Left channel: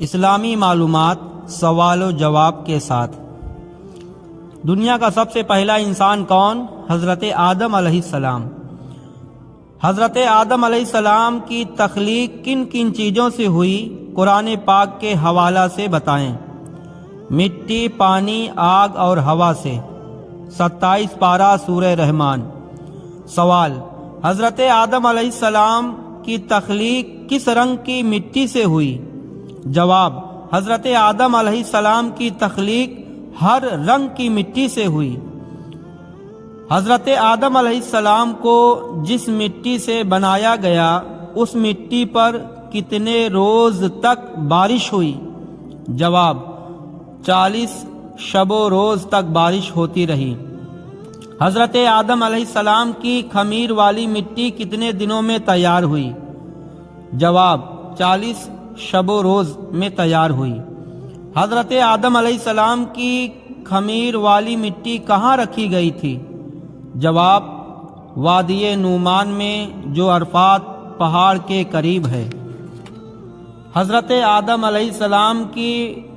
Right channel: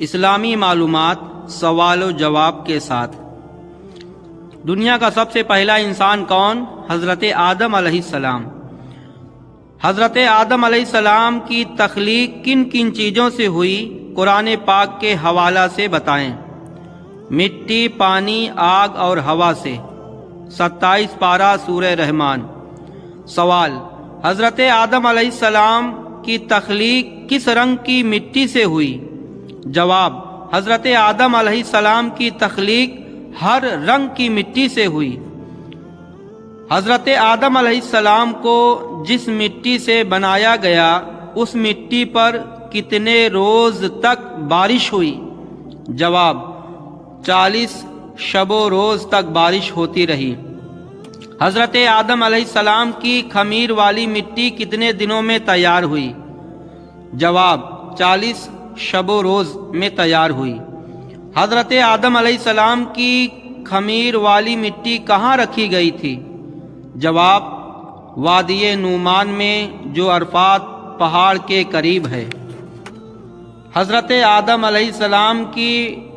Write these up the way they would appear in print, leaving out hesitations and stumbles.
اسلامی معلومات سوال و جواب کے ساتھ۔ دنیا کا سب سے پہلا انسان کون؟ حضرت آدم علیہ السلام۔ حضرت آدم علیہ السلام کی تخلیق کن کن چیزوں سے ہوئی؟ قرآن پاک کے حوالہ سے بتائیں۔ مٹی، پانی، آگ اور ہوا سے۔ 27 پارہ سورہ رحمان۔ سوال: حضرت آدم علیہ السلام کی تخلیق کس رنگ کی مٹی سے ہوئی؟ جواب: حضرت آدم علیہ السلام کی تخلیق ہر رنگ کی مٹی سے ہوئی۔ حضرت آدم علیہ السلام کو جس مٹی سے بنایا گیا اس مٹی پر کتنے روز تک بارش ہوئی؟ جواب: 40 شب و روز تک بارش ہوتی رہی۔ حضرت آدم علیہ السلام کی خمیر والی مٹی کتنے دنوں میں تیار ہوئی؟ جواب: 40 شب و روز میں تیار ہوئی۔ حضرت آدم علیہ السلام کی خمیر والی مٹی کہاں رکھی گئی تھی؟ جواب: وادی نعمان میں، جو عرفات پہاڑ کے قریب ہے۔ حضرت آدم علیہ السلام کی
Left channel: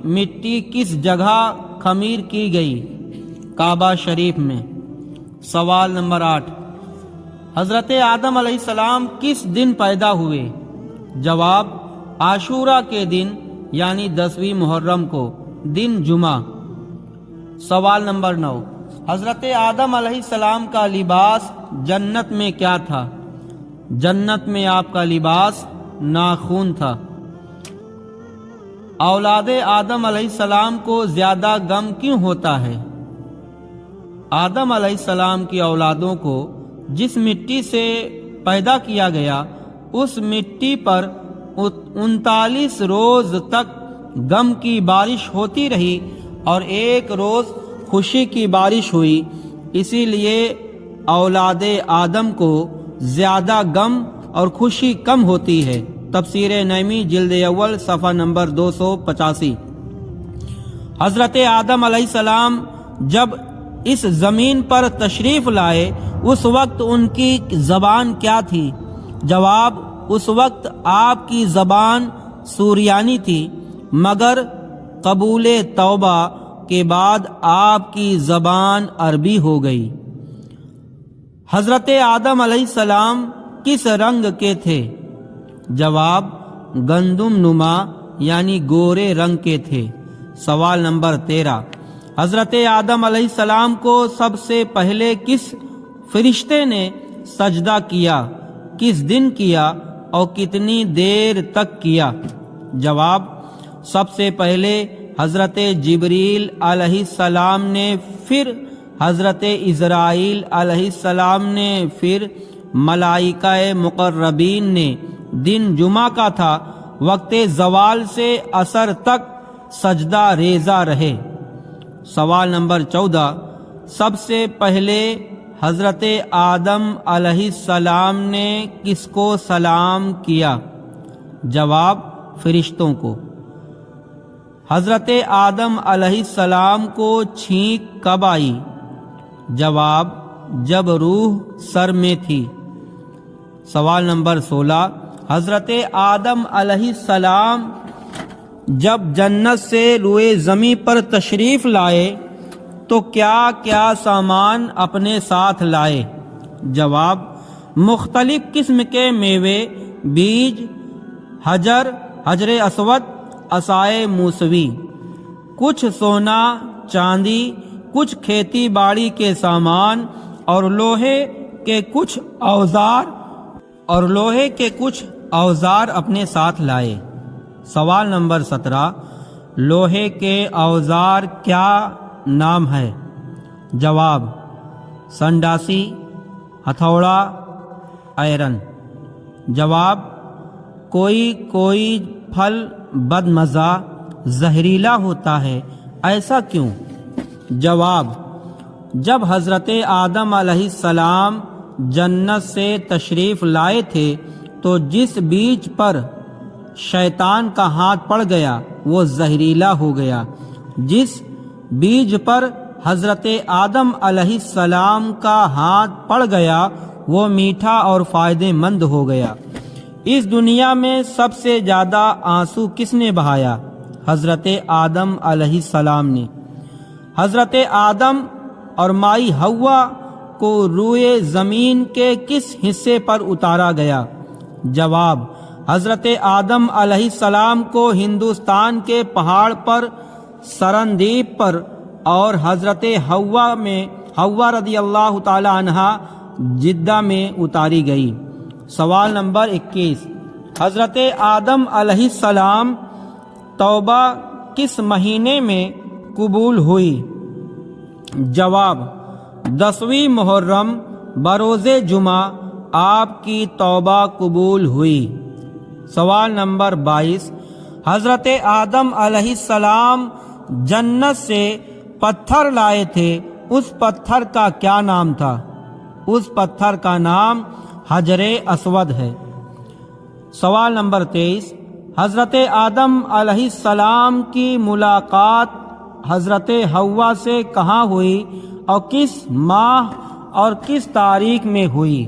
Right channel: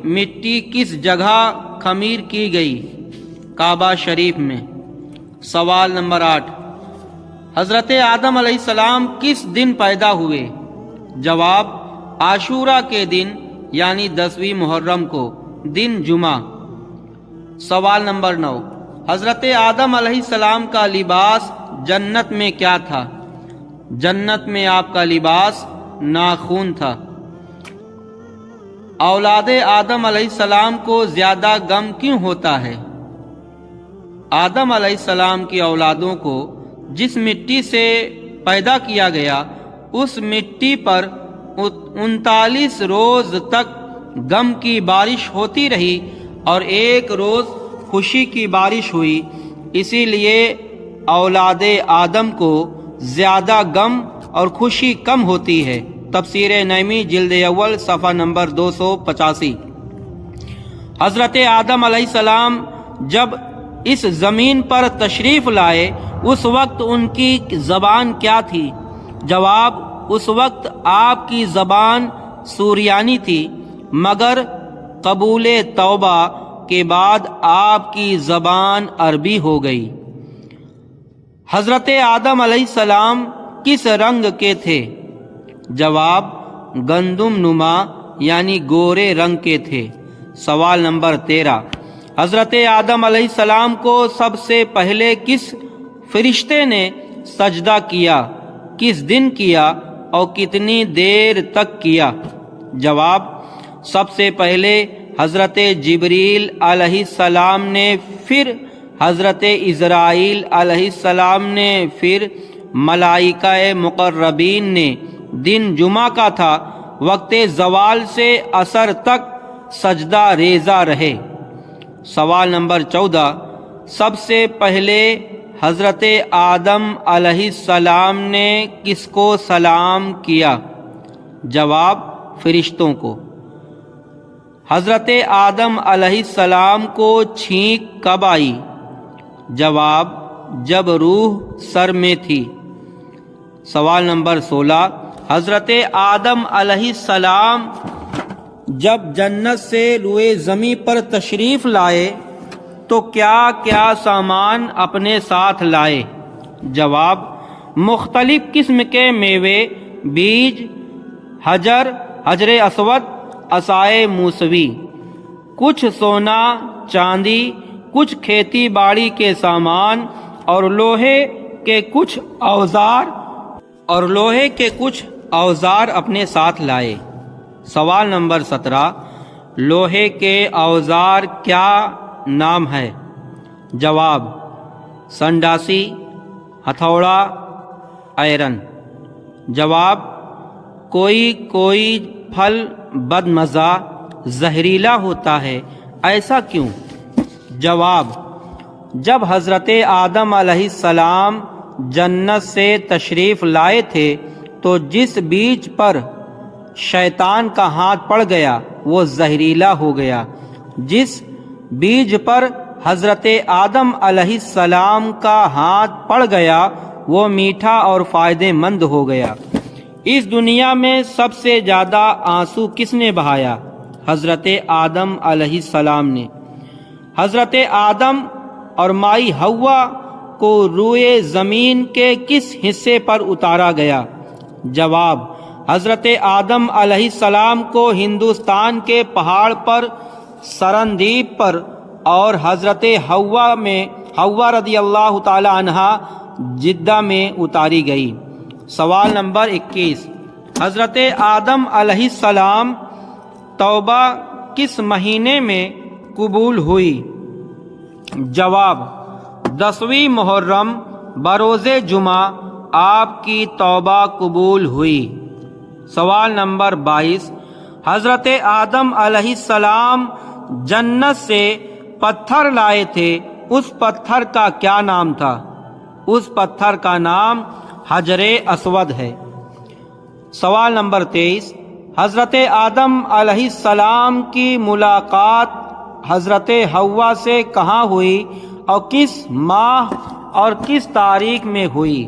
مٹی کس جگہ خمیر کی گئی؟ کعبہ شریف میں۔ سوال نمبر 8: حضرت آدم علیہ السلام کس دن پیدا ہوئے؟ جواب: عاشورہ کے دن، یعنی 10ویں محرم کو، دن جمعہ۔ سوال نمبر 9: حضرت آدم علیہ السلام کا لباس جنت میں کیا تھا؟ جنت میں آپ کا لباس ناخن تھا۔ اولاد آدم علیہ السلام کو زیادہ غم کیوں ہوتا ہے؟ آدم علیہ السلام کی اولادوں کو جس مٹی سے پیدا کیا گیا اس مٹی پر 39 روز تک غم کی بارش ہوتی رہی اور ایک روز خوشی کی بارش ہوئی، اسی لیے اولاد آدم کو زیادہ غم اور خوشی کم ہوتی ہے۔ تفسیر نعیمی جلد اول صفحہ نمبر 285۔ حضرت آدم علیہ السلام جب اس زمین پر تشریف لائے اس وقت ان کی زبان کیا تھی؟ جواب: اس وقت آپ کی زبان سریانی تھی، مگر قبول توبہ کے بعد آپ کی زبان عربی ہو گئی۔ حضرت آدم علیہ السلام کس رنگ کے تھے؟ جواب: گندم نما، یعنی گورے رنگ کے تھے۔ سوال نمبر 13: حضرت آدم علیہ السلام کو سب سے پہلے کس فرشتے نے سجدہ کیا؟ کس دن کیا اور کتنی دیر تک کیا؟ جواب: سب سے پہلے حضرت جبریل علیہ السلام نے، پھر حضرت اسرائیل علیہ السلام نے، پھر ملائکہ مقربین نے۔ دن جمعہ کا تھا، وقت زوال سے عصر تک سجدہ ریزہ رہے۔ سوال نمبر 14: سب سے پہلے حضرت آدم علیہ السلام نے کس کو سلام کیا؟ جواب: فرشتوں کو۔ حضرت آدم علیہ السلام کو چھینک کب آئی؟ جواب: جب روح سر میں تھی۔ سوال نمبر 16: حضرت آدم علیہ السلام جب جنت سے روئے زمیں پر تشریف لائے تو کیا کیا سامان اپنے ساتھ لائے؟ جواب: مختلف قسم کے میوے، بیج، حجر اسود، عصائے موسوی، کچھ سونا چاندی، کچھ کھیتی باڑی کے سامان اور لوہے کے کچھ اوزار اپنے ساتھ لائے۔ سوال نمبر 17: لوہے کے اوزار کیا نام ہے؟ جواب: سنڈاسی، ہتھوڑا، آئرن۔ جواب: کوئی پھل بد مزہ، زہریلا ہوتا ہے، ایسا کیوں؟ جواب: جب حضرت آدم علیہ السلام جنت سے تشریف لائے تھے تو جس بیج پر شیطان کا ہاتھ پڑ گیا وہ زہریلا ہو گیا، جس بیج پر حضرت آدم علیہ السلام کا ہاتھ پڑ گیا وہ میٹھا اور فائدہ مند ہو گیا۔ اس دنیا میں سب سے زیادہ آنسو کس نے بہایا؟ حضرت آدم علیہ السلام نے۔ حضرت آدم اور مائی حوا کو روئے زمین کے کس حصے پر اتارا گیا؟ جواب: حضرت آدم علیہ السلام کو ہندوستان کے پہاڑ پر سرندیپ پر اور حضرت حوا رضی اللہ تعالی عنہا جدہ میں اتاری گئی۔ سوال نمبر 21، حضرت آدم علیہ السلام توبہ کس مہینے میں قبول ہوئی؟ جواب: 10ویں محرم بروز جمعہ آپ کی توبہ قبول ہوئی۔ سوال نمبر 22، حضرت آدم علیہ السلام جنت سے پتھر لائے تھے، اس پتھر کا کیا نام تھا؟ اس پتھر کا نام حجر اسود ہے۔ سوال نمبر 23، حضرت آدم علیہ السلام کی ملاقات حضرت حوا سے کہاں ہوئی اور کس ماہ اور کس تاریخ میں ہوئی؟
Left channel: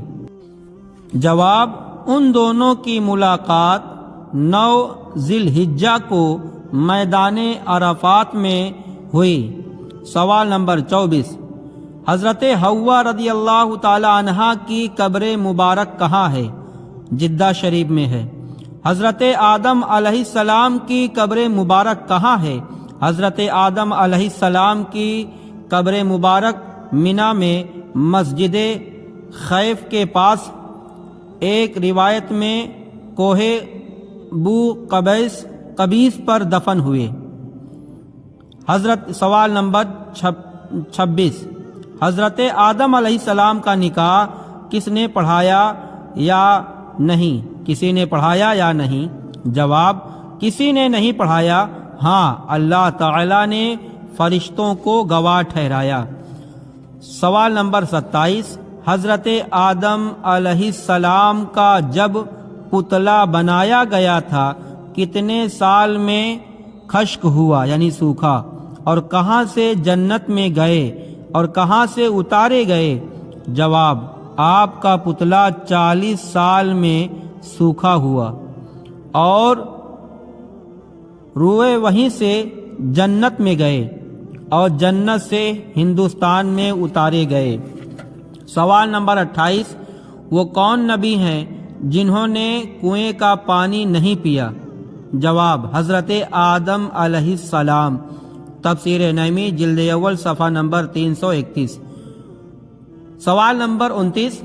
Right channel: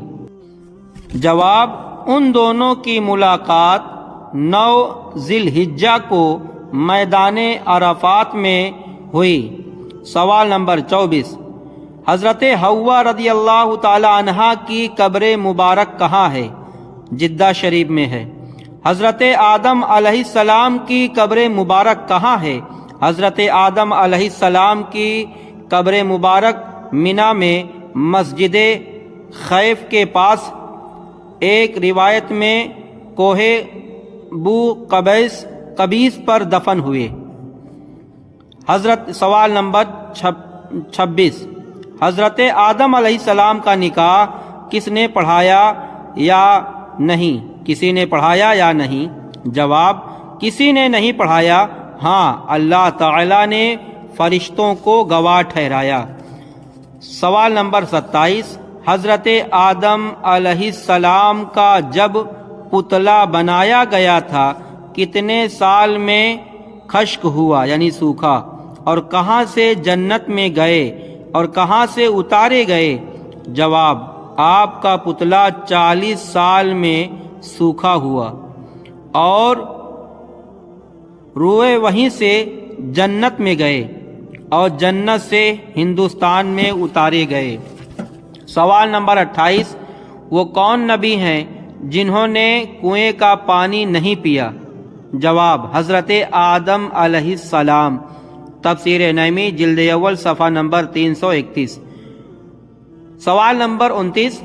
جواب: ان دونوں کی ملاقات 9 ذی الحجہ کو میدان عرفات میں ہوئی۔ سوال نمبر 24، حضرت حوا رضی اللہ تعالی عنہا کی قبر مبارک کہاں ہے؟ جدہ شریف میں ہے۔ حضرت آدم علیہ السلام کی قبر مبارک کہاں ہے؟ حضرت آدم علیہ السلام کی قبر مبارک منی میں مسجد خیف کے پاس، ایک روایت میں کوہ بو قبیس پر دفن ہوئے۔ سوال نمبر 26، حضرت آدم علیہ السلام کا نکاح کس نے پڑھایا یا نہیں؟ کسی نے پڑھایا یا نہیں؟ جواب: کسی نے نہیں پڑھایا، ہاں اللہ تعالی نے فرشتوں کو گواہ ٹھہرایا۔ سوال نمبر 27، حضرت آدم علیہ السلام کا جب پتلا بنایا گیا تھا کتنے سال میں خشک ہوا یعنی سوکھا، اور کہاں سے جنت میں گئے اور کہاں سے اتارے گئے؟ جواب: آپ کا پتلا 40 سال میں سوکھا ہوا اور روئے وہیں سے جنت میں گئے اور جنت سے ہندوستان میں اتارے گئے۔ سوال نمبر 28، وہ کون نبی ہیں جنہوں نے کنویں کا پانی نہیں پیا؟ جواب: حضرت آدم علیہ السلام۔ تفسیر نعیمی جلد اول صفحہ نمبر 331۔ سوال نمبر 29،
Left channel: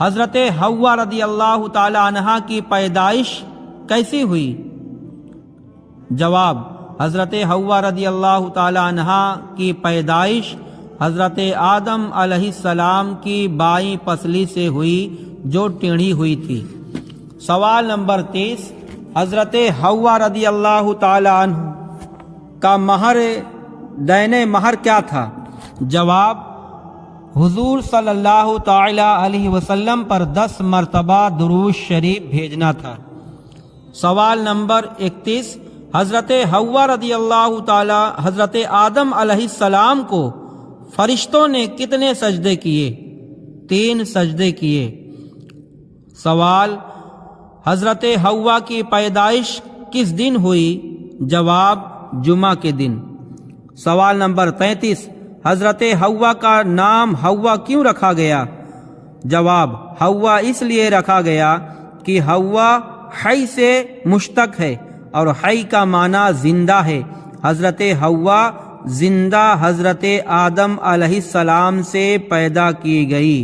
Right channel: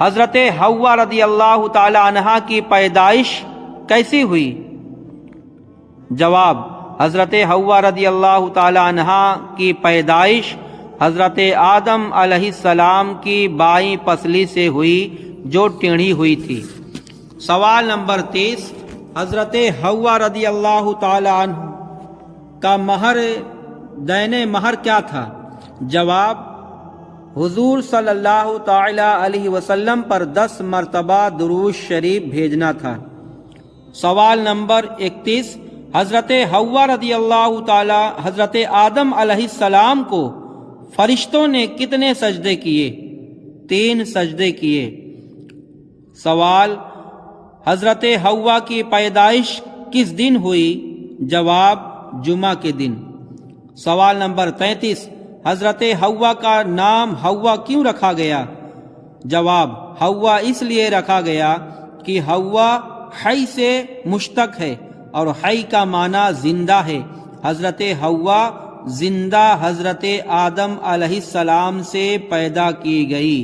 حضرت حوا رضی اللہ تعالی عنہا کی پیدائش کیسی ہوئی؟ جواب: حضرت حوا رضی اللہ تعالی عنہا کی پیدائش حضرت آدم علیہ السلام کی بائیں پسلی سے ہوئی جو ٹیڑھی ہوئی تھی۔ سوال نمبر 30، حضرت حوا رضی اللہ تعالی عنہ کا دین مہر کیا تھا؟ جواب: حضور صلی اللہ تعالی علیہ وسلم پر 10 مرتبہ درود شریف بھیجنا تھا۔ سوال نمبر 31، حضرت حوا رضی اللہ تعالی حضرت آدم علیہ السلام کو فرشتوں نے کتنے سجدے کیے؟ 3 سجدے کیے۔ سوال: حضرت حوا کی پیدائش کس دن ہوئی؟ جواب: جمعہ کے دن۔ سوال نمبر 33، حضرت حوا کا نام حوا کیوں رکھا گیا؟ جواب: حوا اس لیے رکھا گیا کہ حوا حی سے مشتق ہے اور حی کا معنی زندہ ہے۔ حضرت حوا زندہ حضرت آدم علیہ السلام سے پیدا کی گئی۔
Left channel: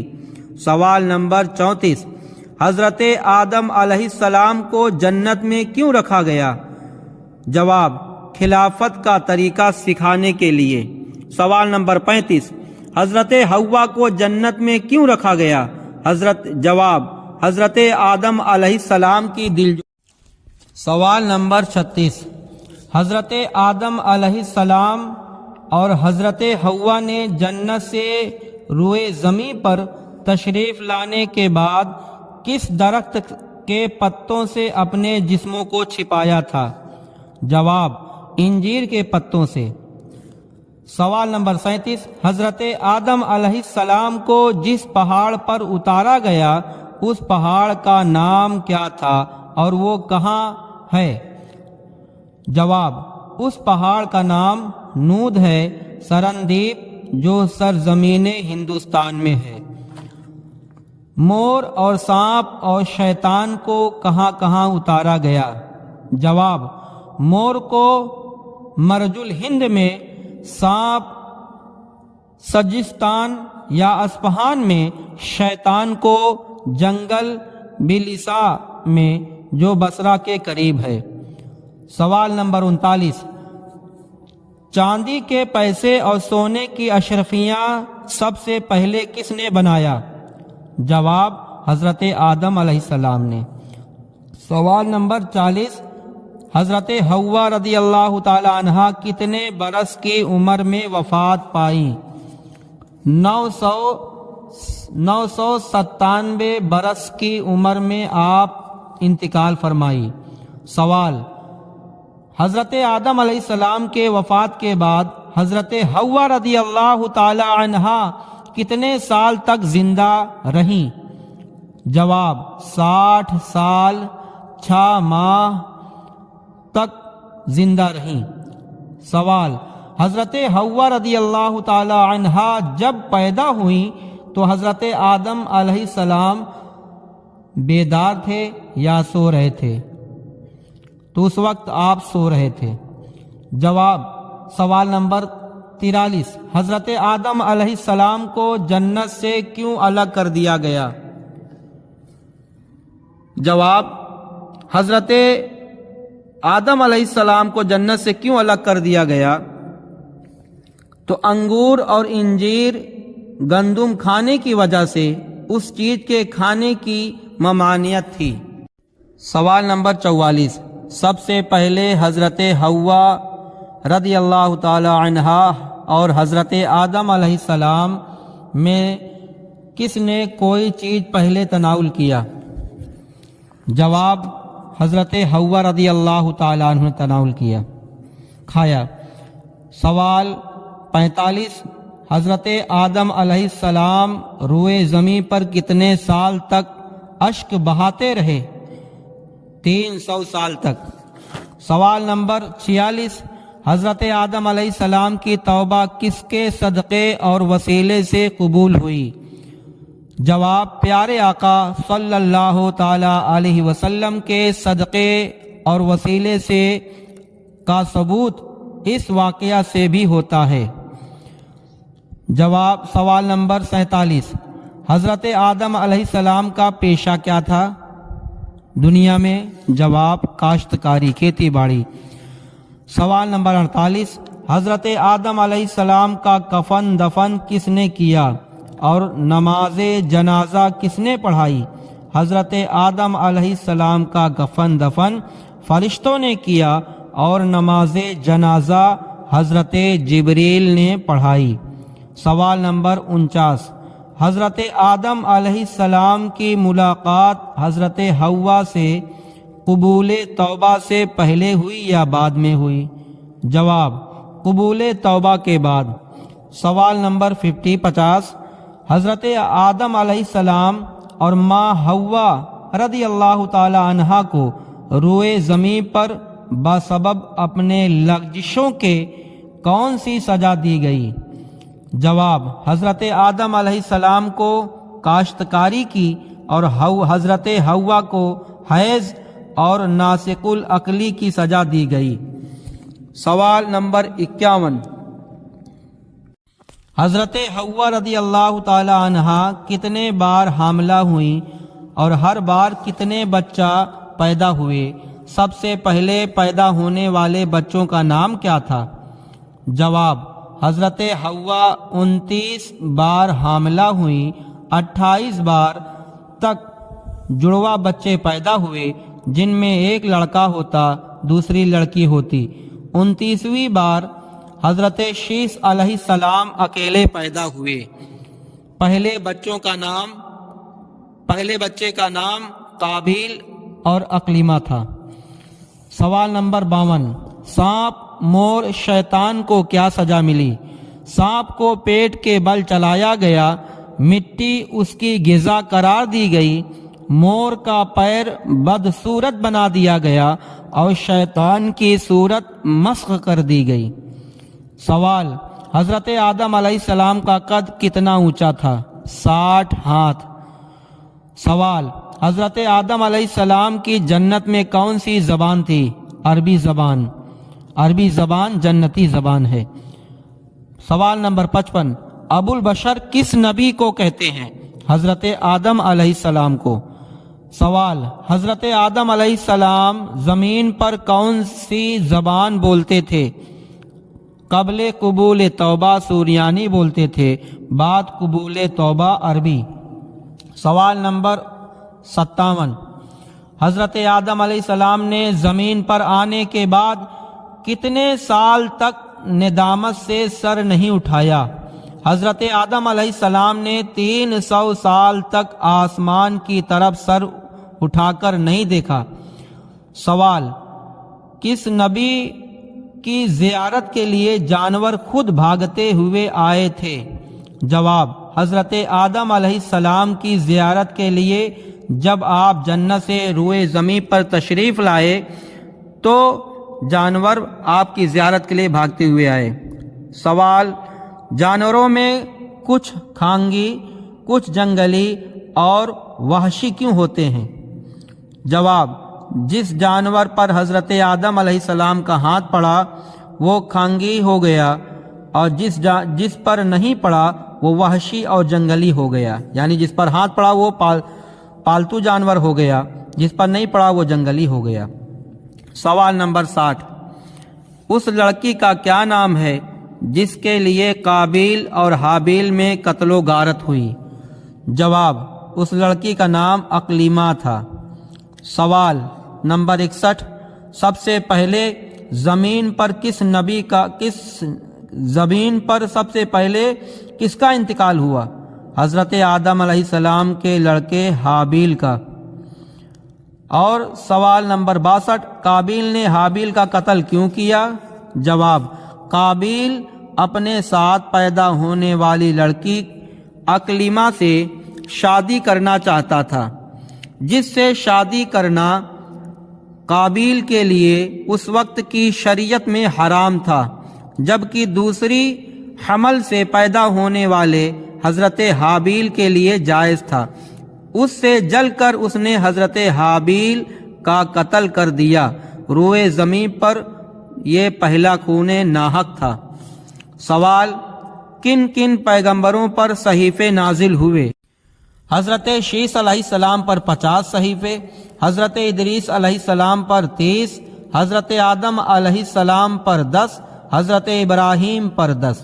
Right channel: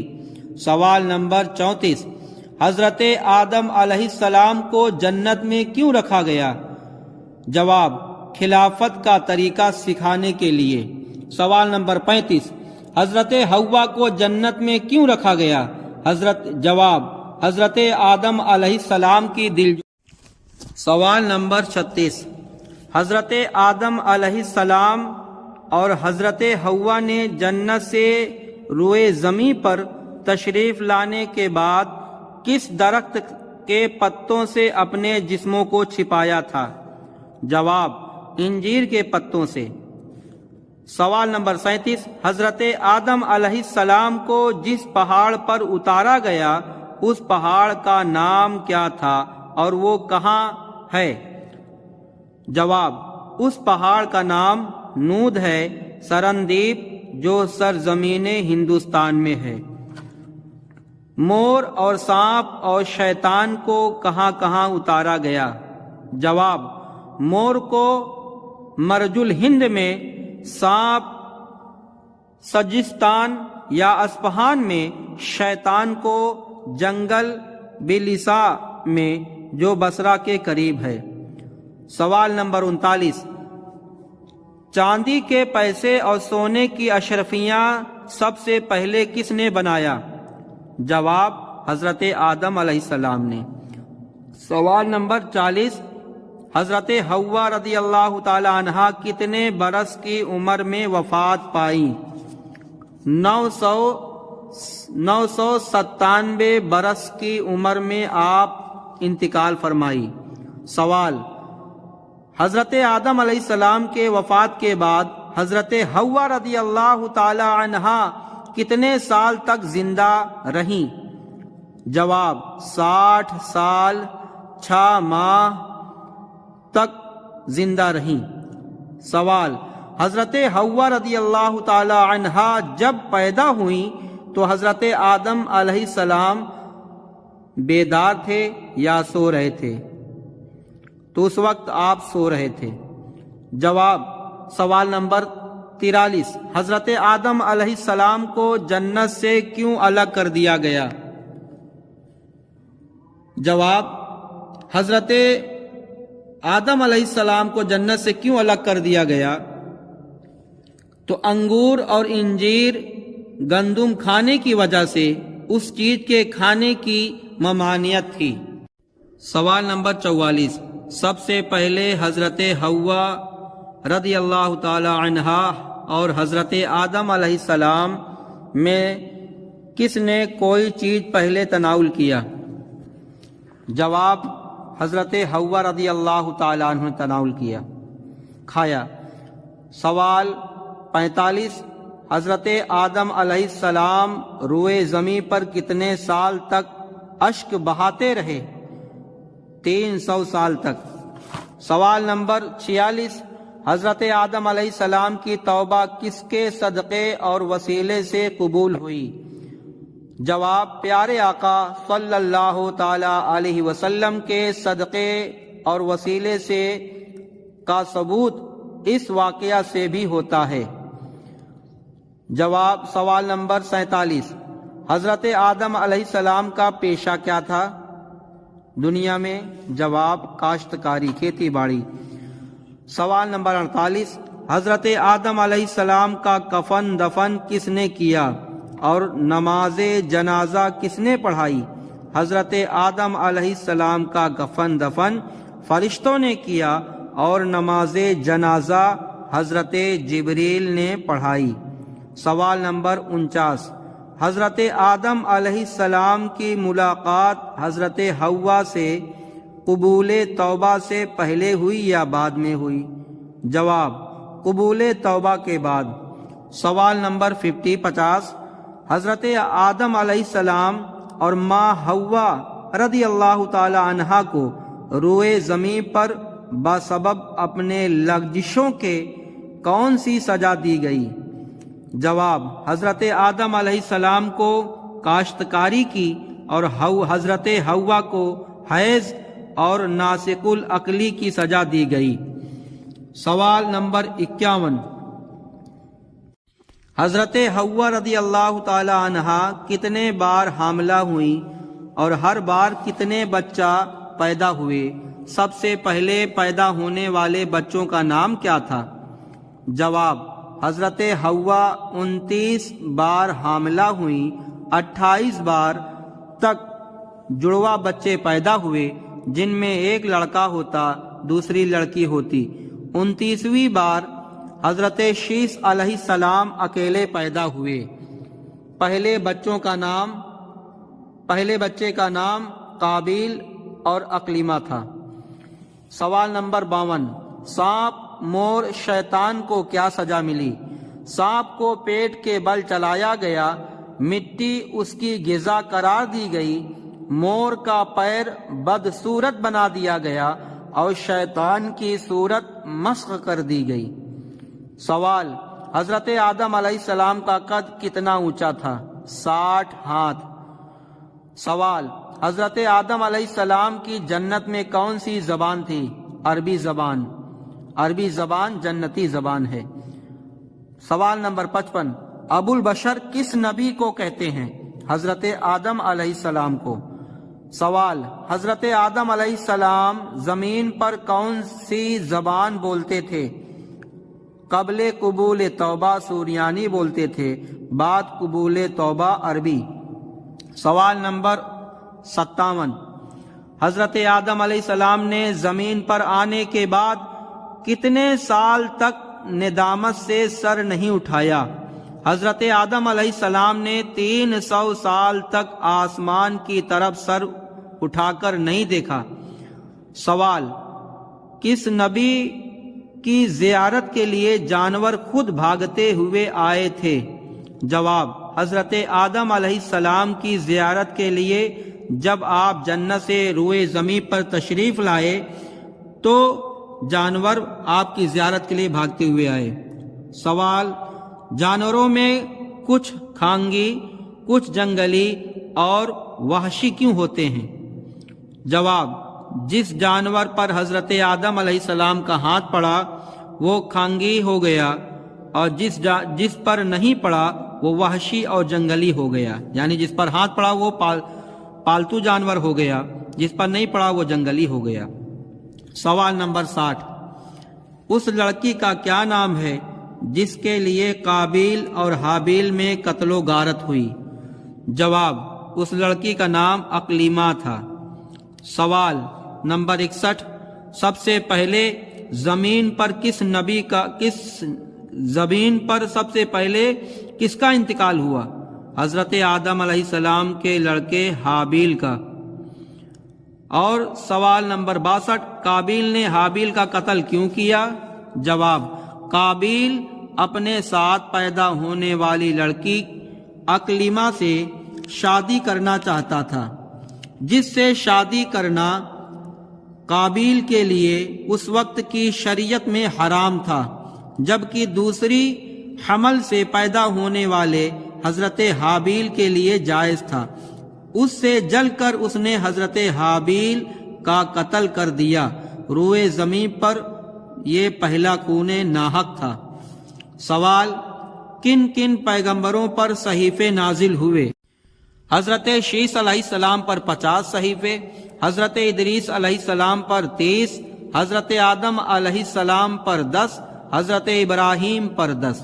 سوال نمبر 34، حضرت آدم علیہ السلام کو جنت میں کیوں رکھا گیا؟ جواب: خلافت کا طریقہ سکھانے کے لیے۔ سوال نمبر 35، حضرت حوا کو جنت میں کیوں رکھا گیا؟ جواب: حضرت آدم علیہ السلام کی سوال نمبر 36، حضرت آدم علیہ السلام اور حضرت حوا نے جنت سے روئے زمین پر تشریف لانے کے بعد کس درخت کے پتوں سے اپنے جسموں کو چھپایا تھا؟ جواب: انجیر کے پتوں سے۔ سوال نمبر 37، حضرت آدم علیہ السلام کو جس پہاڑ پر اتارا گیا اس پہاڑ کا نام کیا تھا اور وہ کہاں ہے؟ جواب، اس پہاڑ کا نام نود ہے، سرندیپ، جو سرزمین ہندوستان میں ہے۔ مور اور سانپ اور شیطان کو کہاں کہاں اتارا گیا؟ جواب، مور کو مرج الہند میں، سانپ سجستان یا اسپہان میں، شیطان کو جنگل بلسا میں جو بصرہ کے قریب ہے۔ سوال نمبر 39، چاندی کے پیسے اور سونے کی اشرفیاں سب سے پہلے کس نے بنایا؟ جواب، حضرت آدم علیہ السلام نے۔ سوال نمبر 40، حضرت حوا رضی اللہ تعالی عنہا کتنے برس کی عمر میں وفات پائی؟ 997 برس کی عمر میں آپ انتقال فرمائی۔ سوال، حضرت آدم علیہ السلام کے وفات کے بعد حضرت حوا رضی اللہ تعالی عنہا کتنے سال تک زندہ رہیں؟ جواب، 60 سال 6 ماہ تک زندہ رہیں۔ سوال، حضرت حوا رضی اللہ تعالی عنہا جب پیدا ہوئیں تو حضرت آدم علیہ السلام بیدار تھے یا سو رہے تھے؟ تو اس وقت آپ سو رہے تھے۔ جواب، سوال نمبر 43، حضرت آدم علیہ السلام کو جنت سے کیوں الگ کر دیا گیا؟ جواب، حضرت آدم علیہ السلام کو جنت سے کیوں الگ کر دیا گیا؟ تو انگور اور انجیر گندم کھانے کی وجہ سے اس چیز کے کھانے کی ممانعت تھی۔ سوال نمبر 44، سب سے پہلے حضرت حوا رضی اللہ تعالی عنہا اور حضرت آدم علیہ السلام میں کس نے کوئی چیز پہلے تناول کیا؟ جواب، حضرت حوا رضی اللہ تعالی عنہ نے تناول کیا، کھایا۔ سوال 45، حضرت آدم علیہ السلام روئے زمین پر کتنے سال تک اشک بہاتے رہے؟ 300 سال تک۔ سوال نمبر 46، حضرت آدم علیہ السلام کی توبہ کس کے صدقے اور وسیلے سے قبول ہوئی؟ جواب، پیارے آقا صلی اللہ تعالی علیہ وسلم کے صدقے اور وسیلے سے کا ثبوت اس واقعہ سے بھی ہوتا ہے۔ جواب، سوال نمبر 47، حضرت آدم علیہ السلام کا پیشہ کیا تھا دنیا میں؟ جواب، کاشتکاری، کھیتی باڑی۔ سوال نمبر 48، حضرت آدم علیہ السلام کا کفن دفن کس نے کیا اور نماز جنازہ کس نے پڑھائی؟ حضرت آدم علیہ السلام کا کفن دفن فرشتوں نے کیا اور نماز جنازہ حضرت جبریل نے پڑھائی۔ سوال نمبر 49، حضرت آدم علیہ السلام کی ملاقات حضرت حوا سے قبول توبہ سے پہلے ہوئی یا بعد میں ہوئی؟ جواب، قبول توبہ کے بعد۔ سوال نمبر 50، حضرت آدم علیہ السلام اور ماں حوا رضی اللہ تعالی عنہا کو روئے زمین پر بسبب اپنے لغزشوں کے کون سی سزا دی گئی؟ جواب، حضرت آدم علیہ السلام کو کاشتکاری کی اور حضرت حوا کو حیض اور ناسق العقلی کی سزا دی گئی۔ سوال نمبر 51، حضرت حوا رضی اللہ تعالی عنہا کتنے بار حاملہ ہوئیں اور ہر بار کتنے بچہ پیدا ہوئے؟ سب سے پہلے پیدا ہونے والے بچوں کا نام کیا تھا؟ جواب، حضرت حوا 29 بار حاملہ ہوئیں، 28 بار تک جڑواں بچے پیدا ہوئے جن میں ایک لڑکا ہوتا دوسری لڑکی ہوتی۔ 29ویں بار حضرت شیس علیہ السلام اکیلے پیدا ہوئے۔ پہلے بچے کا نام قابیل اور اقلیمہ تھا۔ سوال نمبر 52، سانپ، مور، شیطان کو کیا سزا ملی؟ سانپ کو پیٹ کے بل چلایا گیا، مٹی اس کی غذا قرار دی گئی مور کا پیر بدصورت بنا دیا گیا اور شیطان کی صورت مسخ کر دی گئی۔ سوال: حضرت آدم علیہ السلام کا قد کتنا اونچا تھا؟ 60 ہاتھ۔ سوال: حضرت آدم علیہ السلام کی جنت میں کون سی زبان تھی؟ عربی زبان۔ عربی زبان جنتی زبان ہے۔ سوال نمبر 55: ابو البشر کس نبی کو کہتے ہیں؟ حضرت آدم علیہ السلام کو۔ سوال: حضرت آدم علیہ السلام زمین پر کون سی زبان بولتے تھے؟ قبل قبول توبہ سوریانی بولتے تھے، بعد قبول توبہ عربی۔ سوال نمبر 57: حضرت آدم علیہ السلام نے زمین پر آنے کے بعد کتنے سال تک ندامت سے سر نہیں اٹھایا؟ حضرت آدم علیہ السلام نے 300 سال تک آسمان کی طرف سر اٹھا کر نہیں دیکھا۔ سوال: کس نبی کی زیارت کے لیے جانور خود بھاگتے ہوئے آئے تھے؟ جواب: حضرت آدم علیہ السلام کی زیارت کے لیے جب آپ جنت سے روئے زمین پر تشریف لائے تو جانور آپ کی زیارت کے لیے بھاگتے ہوئے آئے۔ سوال: جانوروں میں کچھ کھانگی، کچھ جنگلی اور وحشی کیوں ہوتے ہیں؟ جواب: جس جانور پر حضرت آدم علیہ السلام کا ہاتھ پڑا وہ کھانگی ہو گیا، اور جس پر نہیں پڑا وہ وحشی اور جنگلی ہو گیا، یعنی جس پر ہاتھ پڑا وہ پالتو جانور ہو گیا، جس پر نہیں پڑا وہ جنگلی ہو گیا۔ سوال نمبر 60: اس لڑکی کا کیا نام ہے جس کے لیے قابیل اور حابیل میں قتل و غارت ہوئی؟ جواب: اس لڑکی کا نام اقلیمہ تھا۔ سوال نمبر 61: سب سے پہلے زمین پر سب سے پہلے کس کا انتقال ہوا؟ حضرت آدم علیہ السلام کے لڑکے حابیل کا۔ اور سوال نمبر 62: قابیل نے حابیل کا قتل کیوں کیا؟ جواب: قابیل اپنے ساتھ پیدا ہونے والی لڑکی اقلیمہ سے شادی کرنا چاہتا تھا، جس سے شادی کرنا قابیل کے لیے اس وقت کی شریعت میں حرام تھا، جبکہ دوسری حمل سے پیدا ہونے والے حضرت حابیل کے لیے جائز تھا۔ اس سے جل کر اس نے حضرت حابیل کا قتل کر دیا۔ روئے زمین پر یہ پہلا خون ناحق تھا۔ سوال: کن کن پیغمبروں پر صحیفے نازل ہوئے؟ حضرت شیس علیہ السلام پر 50 صحیفے، حضرت ادریس علیہ السلام پر 30، حضرت آدم علیہ السلام پر 10، حضرت ابراہیم پر 10۔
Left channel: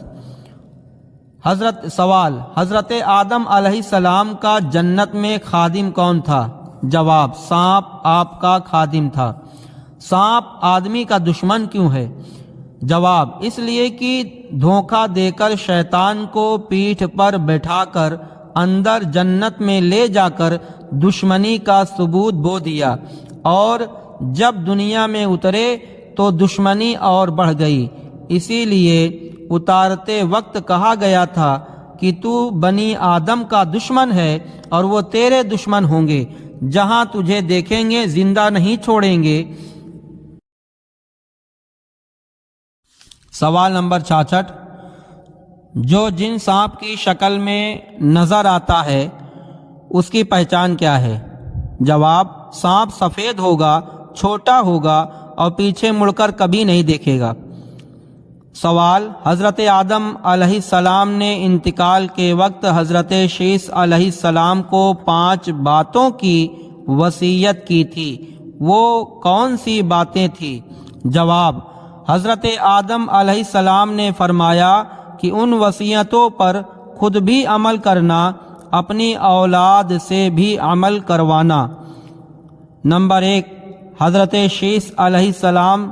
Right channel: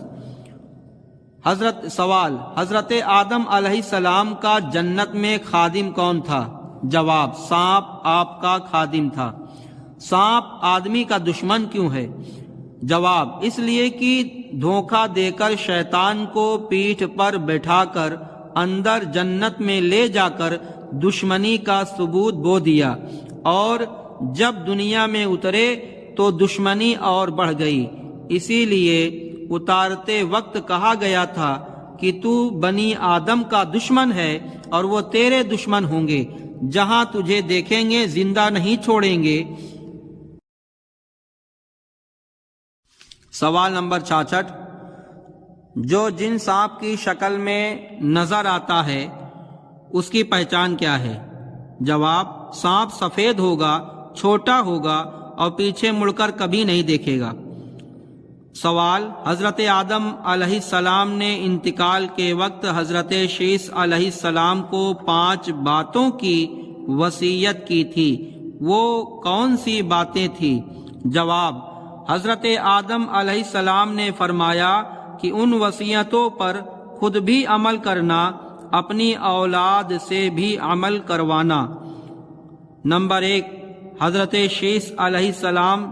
سوال: حضرت آدم علیہ السلام کا جنت میں خادم کون تھا؟ جواب: سانپ آپ کا خادم تھا۔ سانپ آدمی کا دشمن کیوں ہے؟ جواب: اس لیے کہ دھوکہ دے کر شیطان کو پیٹھ پر بٹھا کر اندر جنت میں لے جا کر دشمنی کا ثبوت بو دیا، اور جب دنیا میں اترے تو دشمنی اور بڑھ گئی، اسی لیے اتارتے وقت کہا گیا تھا کہ تو بنی آدم کا دشمن ہے اور وہ تیرے دشمن ہوں گے، جہاں تجھے دیکھیں گے زندہ نہیں چھوڑیں گے۔ سوال نمبر 66: جو جن سانپ کی شکل میں نظر آتا ہے اس کی پہچان کیا ہے؟ جواب: سانپ سفید ہوگا، چھوٹا ہوگا اور پیچھے مڑ کر کبھی نہیں دیکھے گا۔ سوال: حضرت آدم علیہ السلام نے انتقال کے وقت حضرت شیس علیہ السلام کو 5 باتوں کی وصیت کی تھی، وہ کون سی باتیں تھیں؟ جواب: حضرت آدم علیہ السلام نے فرمایا کہ ان وصیتوں پر خود بھی عمل کرنا، اپنی اولاد سے بھی عمل کروانا۔ نمبر 1: حضرت شیس علیہ السلام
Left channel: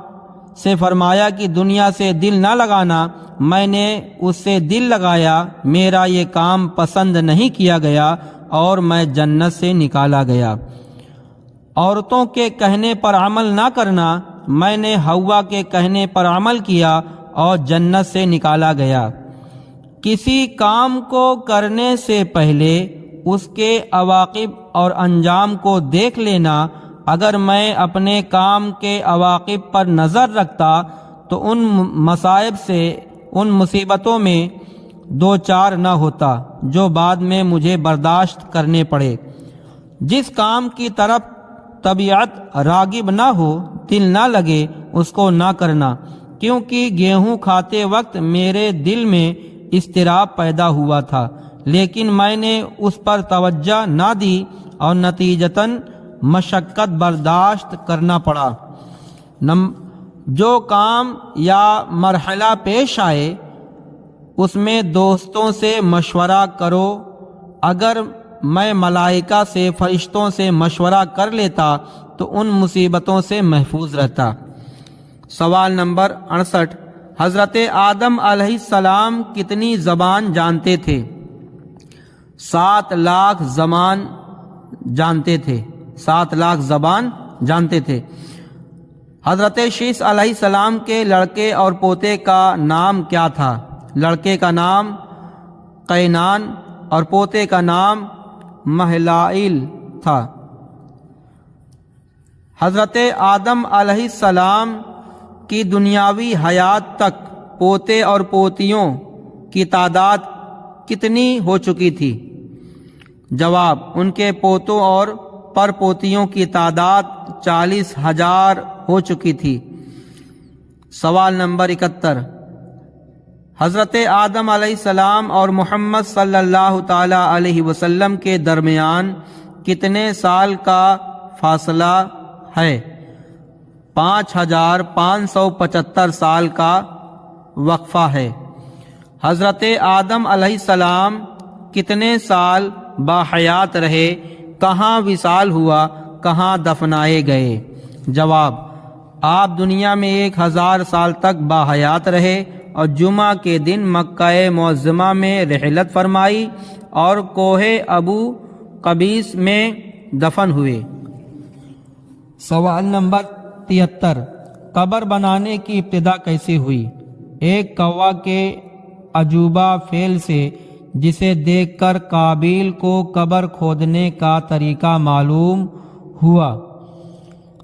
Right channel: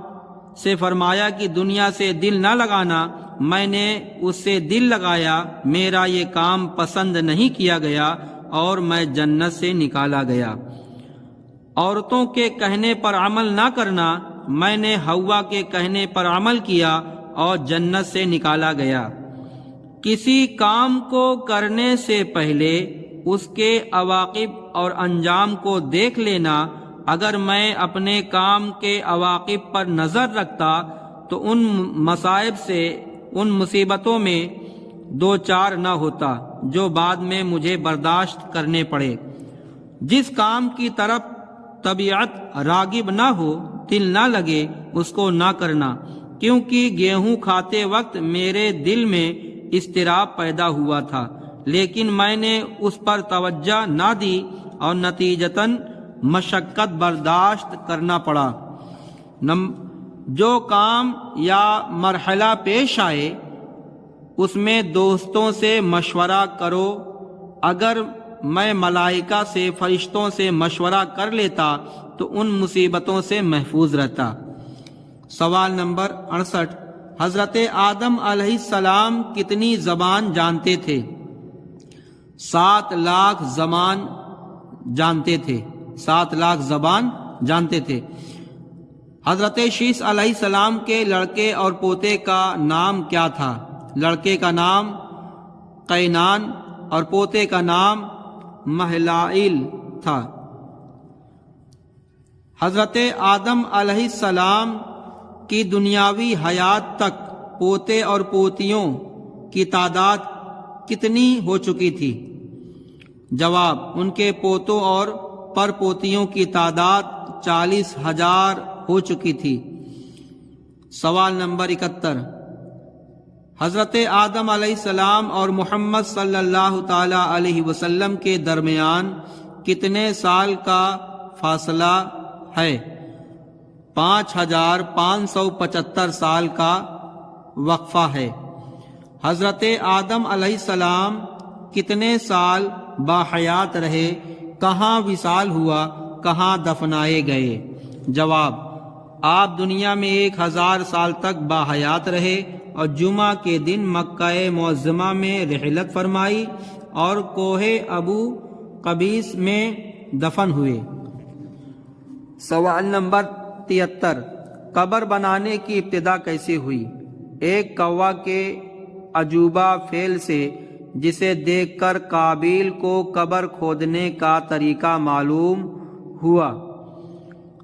سے فرمایا کہ دنیا سے دل نہ لگانا، میں نے اس سے دل لگایا، میرا یہ کام پسند نہیں کیا گیا اور میں جنت سے نکالا گیا۔ عورتوں کے کہنے پر عمل نہ کرنا، میں نے حوا کے کہنے پر عمل کیا اور جنت سے نکالا گیا۔ کسی کام کو کرنے سے پہلے اس کے عواقب اور انجام کو دیکھ لینا۔ اگر میں اپنے کام کے عواقب پر نظر رکھتا تو ان مصائب سے، ان مصیبتوں میں دو چار نہ ہوتا جو بعد میں مجھے برداشت کرنے پڑے۔ جس کام کی طرف طبیعت راغب نہ ہو، دل نہ لگے، اس کو نہ کرنا، کیونکہ گیہوں کھاتے وقت میرے دل میں اضطراب پیدا ہوا تھا، لیکن میں نے اس پر توجہ نہ دی اور نتیجتاً مشقت برداشت کرنا پڑا۔ جو کام یا مرحلہ پیش آئے اس میں دوستوں سے مشورہ کرو۔ اگر میں ملائکہ سے، فرشتوں سے مشورہ کر لیتا تو ان مصیبتوں سے محفوظ رہتا۔ سوال نمبر 68، حضرت آدم علیہ السلام کتنی زبان جانتے تھے؟ 7 لاکھ زبان جانتے تھے، 7 لاکھ زبان جانتے تھے۔ حضرت شیث علیہ السلام کے لڑکے اور پوتے کا نام کیا تھا؟ لڑکے کا نام قینان اور پوتے کا نام مہلائیل تھا۔ حضرت آدم علیہ السلام کی دنیاوی حیات تک پوتے اور پوتیوں کی تعداد کتنی ہو چکی تھی؟ جواب، ان کے پوتوں اور پر پوتیوں کی تعداد 40,000 ہو چکی تھی۔ سوال نمبر 71، حضرت آدم علیہ السلام اور محمد صلی اللہ تعالی علیہ وسلم کے درمیان کتنے سال کا فاصلہ ہے؟ 5,575 سال کا وقفہ ہے۔ حضرت آدم علیہ السلام کتنے سال باحیات رہے؟ کہاں وصال ہوا؟ کہاں دفنائے گئے؟ جواب، آپ دنیا میں 1000 سال تک باحیات رہے اور جمعہ کے دن مکہ معظمہ میں رحلت فرمائی اور کوہ ابو قبیس میں دفن ہوئے۔ سوال نمبر 73، قبر بنانے کی ابتدا کیسے ہوئی؟ ایک کوا کے عجوبہ فعل سے جسے دیکھ کر قابیل کو قبر کھودنے کا طریقہ معلوم ہوا۔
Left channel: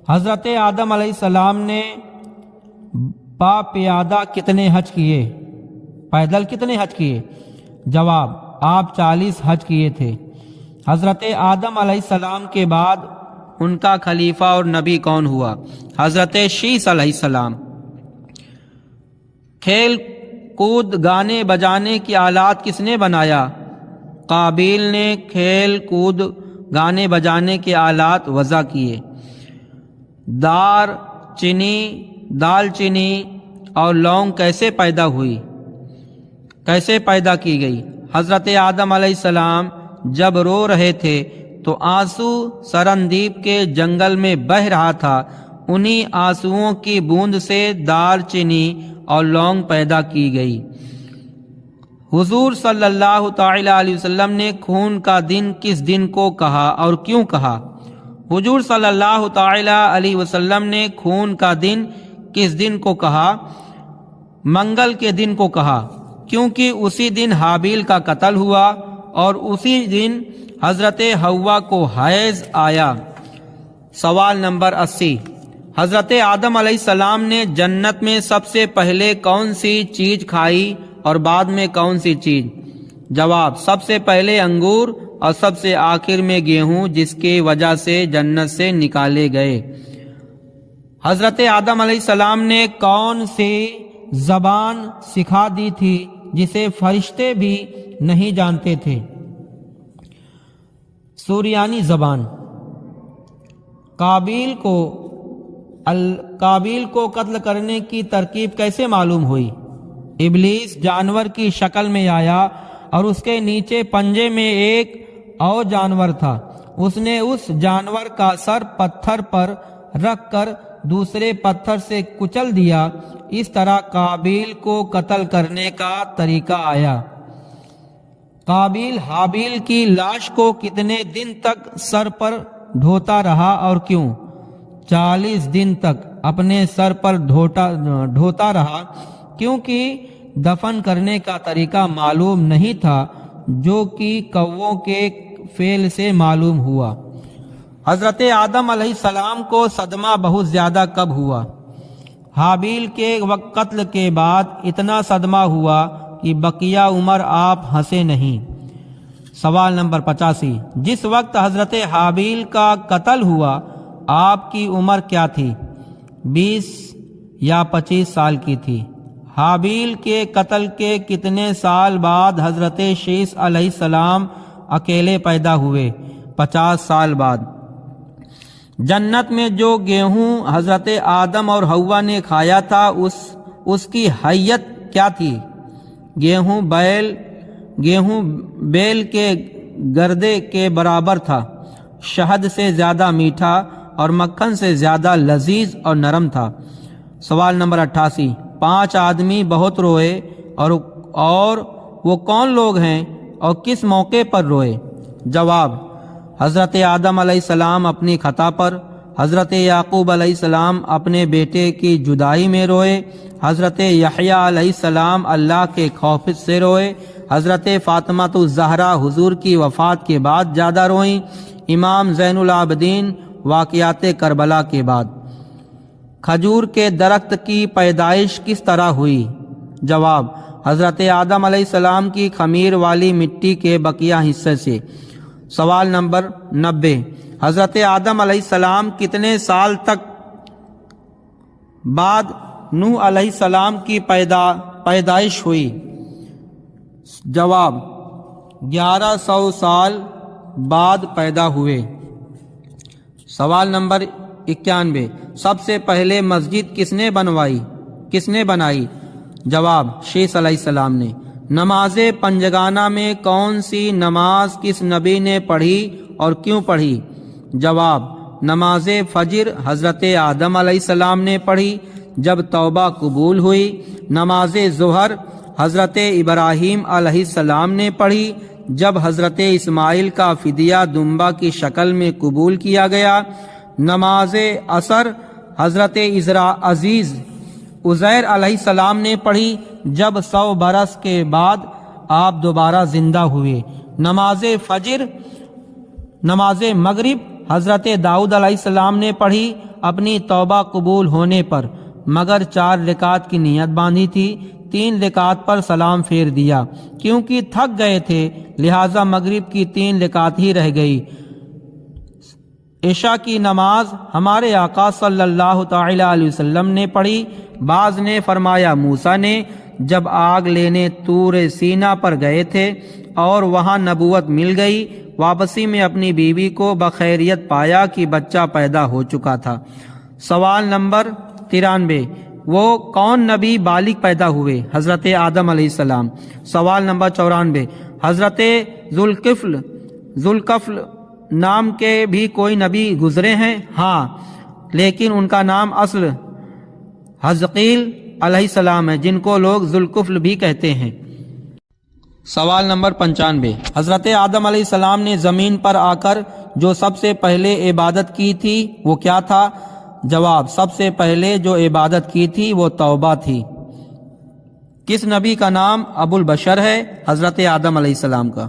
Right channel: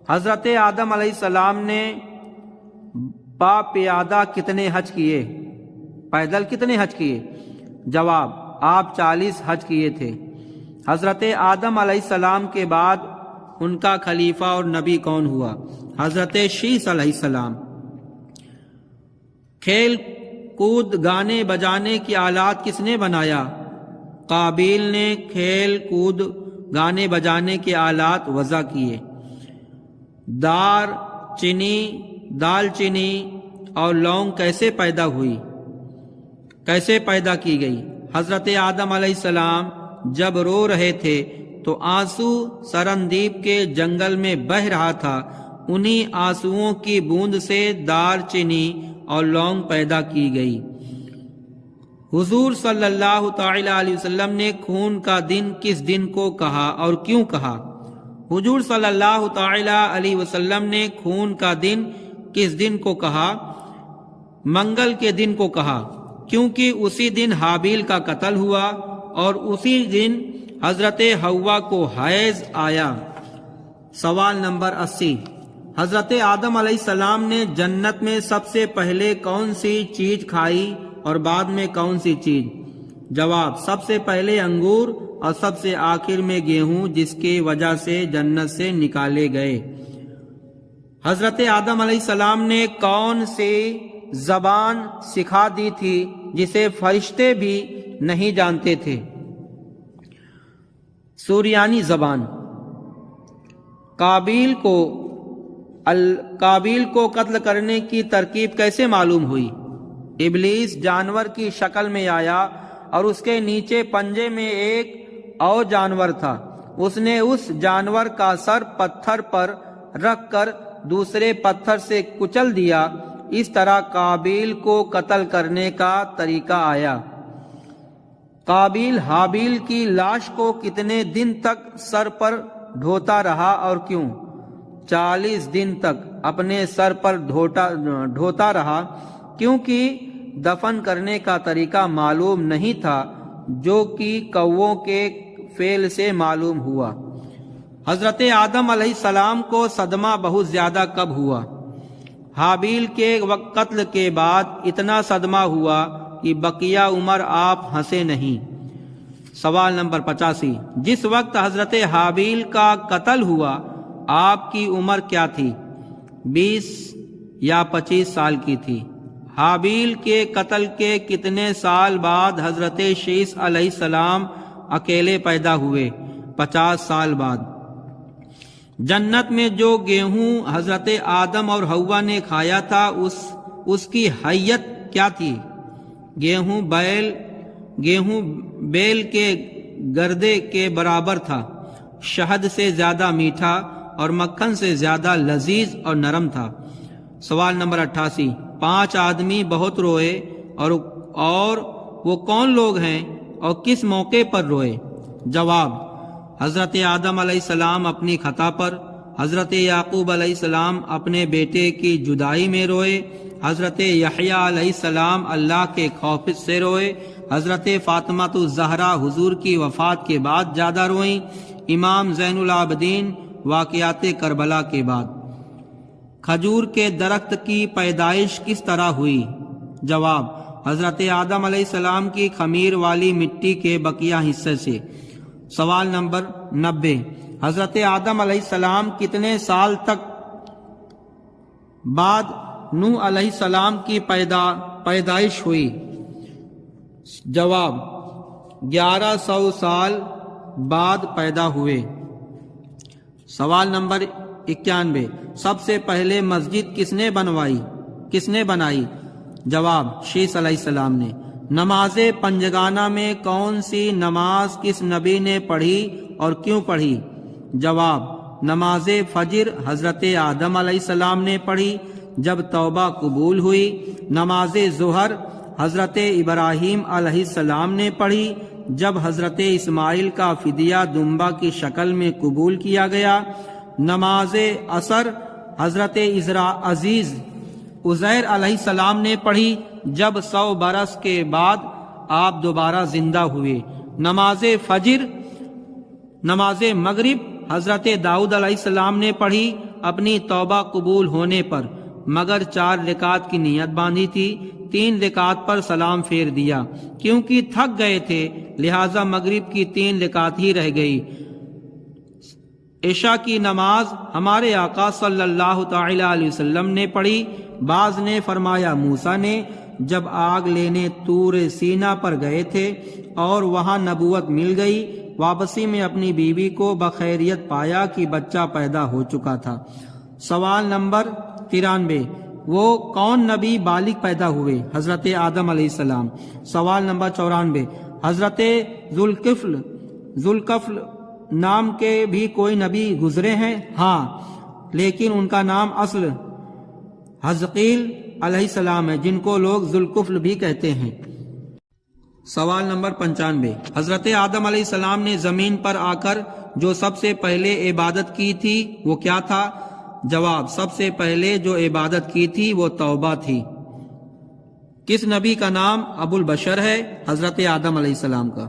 حضرت آدم علیہ السلام نے پا پیادہ کتنے حج کیے؟ پیدل کتنے حج کیے؟ جواب، آپ 40 حج کیے تھے۔ حضرت آدم علیہ السلام کے بعد ان کا خلیفہ اور نبی کون ہوا؟ حضرت شیث علیہ السلام۔ کھیل کود، گانے بجانے کی آلات کس نے بنایا؟ قابیل نے کھیل کود، گانے بجانے کے آلات وضع کیے۔ دال چینی اور لونگ کیسے پیدا ہوئی؟ کیسے پیدا کی گئی؟ حضرت آدم علیہ السلام جب رو رہے تھے تو آنسو سرندیپ کے جنگل میں بہہ رہا تھا، انہی آنسوؤں کی بوند سے دال چینی اور لونگ پیدا کی گئی۔ حضور صلی اللہ تعالی علیہ وسلم نے خون کا دن کس دن کو کہا اور کیوں کہا؟ حضور صلی اللہ تعالی علیہ وسلم نے خون کا دن کس دن کو کہا؟ منگل کے دن کو کہا، کیونکہ اسی دن حابیل کا قتل ہوا اور اسی دن حضرت حوا کو حیض آیا۔ سوال نمبر 80، حضرت آدم علیہ السلام نے جنت میں سب سے پہلے کون سی چیز کھائی اور بعد میں کون سی چیز؟ جواب، سب سے پہلے انگور اور سب سے آخر میں گیہوں، جس کی وجہ سے جنت سے نکالے گئے۔ حضرت آدم علیہ السلام نے کون سی زبان سکھا دی تھی جسے فرشتے بھی نہیں جانتے تھے؟ سوریانی زبان۔ قابیل کو قتل کرنے کی ترکیب کیسے معلوم ہوئی؟ ابلیس جانور کی شکل میں آیا اور اس کے نیچے پنجے میں ایک اور جانور تھا۔ اس نے اس جانور کا سر پتھر پر رکھ کر دوسرے پتھر سے کچل دیا۔ اس طرح قابیل کو قتل کرنے کا طریقہ آیا۔ قابیل حابیل کی لاش کو کتنے دن تک سر پر ڈھوتا رہا اور کیوں؟ 40 دن تک اپنے سر پر ڈھوتا رہا، کیونکہ دفن کرنے کا طریقہ معلوم نہیں تھا، جو کہ کووں کے فعل سے معلوم ہوا۔ حضرت آدم علیہ السلام کو صدمہ بہت زیادہ کب ہوا؟ حابیل کے قتل کے بعد اتنا صدمہ ہوا کہ بقیہ عمر آپ ہنسے نہیں۔ سوال نمبر 85، جس وقت حضرت حابیل کا قتل ہوا آپ کی عمر کیا تھی؟ 20 یا 25 سال کی تھی۔ حابیل کے قتل کے کتنے سال بعد حضرت شیث علیہ السلام اکیلے پیدا ہوئے؟ 50 سال بعد۔ جنت میں جو گیہوں حضرت آدم اور حوا نے کھایا تھا اس کی حیت کیا تھی؟ گیہوں بیل کے گردے کے برابر تھا، شہد سے زیادہ میٹھا اور مکھن سے زیادہ لذیذ اور نرم تھا۔ سوال نمبر 88، 5 آدمی بہت روئے اور وہ کون لوگ ہیں اور کس موقع پر روئے؟ جواب: حضرت آدم علیہ السلام اپنی خطا پر، حضرت یعقوب علیہ السلام اپنے بیٹے کی جدائی میں روئے، حضرت یحییٰ علیہ السلام اللہ کے خوف سے روئے، حضرت فاطمہ الزہرا حضور کی وفات کے بعد زیادہ روئیں، امام زین العابدین واقعات کربلا کے بعد۔ کھجور کے درخت کی پیدائش کس طرح ہوئی؟ جواب: حضرت آدم علیہ السلام کی خمیر والی مٹی کے بقیہ حصے سے۔ سوال نمبر 90، حضرت آدم علیہ السلام کتنے سال تک بعد نوح علیہ السلام کی پیدائش ہوئی؟ جواب: 1100 سال بعد پیدا ہوئے۔ سوال نمبر 91، سب سے پہلے مسجد کس نے بنائی؟ جواب: شیث علیہ السلام نے۔ نماز پنجگانہ میں کون سی نماز کس نبی نے پڑھی اور کیوں پڑھی؟ جواب: نماز فجر حضرت آدم علیہ السلام نے پڑھی جب توبہ قبول ہوئی۔ نماز ظہر حضرت ابراہیم علیہ السلام نے پڑھی جب حضرت اسماعیل کا فدیہ دمبا کی شکل میں قبول کیا گیا۔ نماز عصر حضرت عزیز عزیر علیہ السلام نے پڑھی جب 100 برس کے بعد آپ دوبارہ زندہ ہوئے۔ نماز مغرب حضرت داؤد علیہ السلام نے پڑھی اپنی توبہ قبول ہونے پر، مگر 4 رکعت کی نیت باندھی تھی، 3 رکعت پر سلام پھیر دیا کیونکہ تھک گئے تھے، لہٰذا مغرب کی 3 رکعت ہی رہ گئی۔ عشاء کی نماز ہمارے آقا صلی اللہ تعالی علیہ وسلم نے پڑھی۔ بعض نے فرمایا موسیٰ نے جب آگ لینے طور سینا پر گئے تھے اور وہاں نبوت مل گئی، واپسی میں اپنی بیوی کو بخیریت پایا کہ بچہ پیدا ہو چکا تھا۔ سوال نمبر 93، وہ کون نبی بالغ پیدا ہوئے؟ حضرت آدم علیہ السلام۔ سوال نمبر 94، حضرت ذوالکفل نام کے بھی کوئی نبی گزرے ہیں؟ ہاں، لیکن ان کا نام اصل حزقیل علیہ السلام ہے، جن کو لوگ ذوالکفل بھی کہتے ہیں۔ سوال نمبر 95، حضرت آدم علیہ السلام نے زمین پر آ کر جو سب سے پہلے عبادت کی تھی وہ کیا تھا؟ جواب: سب سے پہلے جو عبادت کی تھی وہ توبہ تھی۔ کس نبی کا نام ابو البشر ہے؟ حضرت آدم علیہ السلام کا۔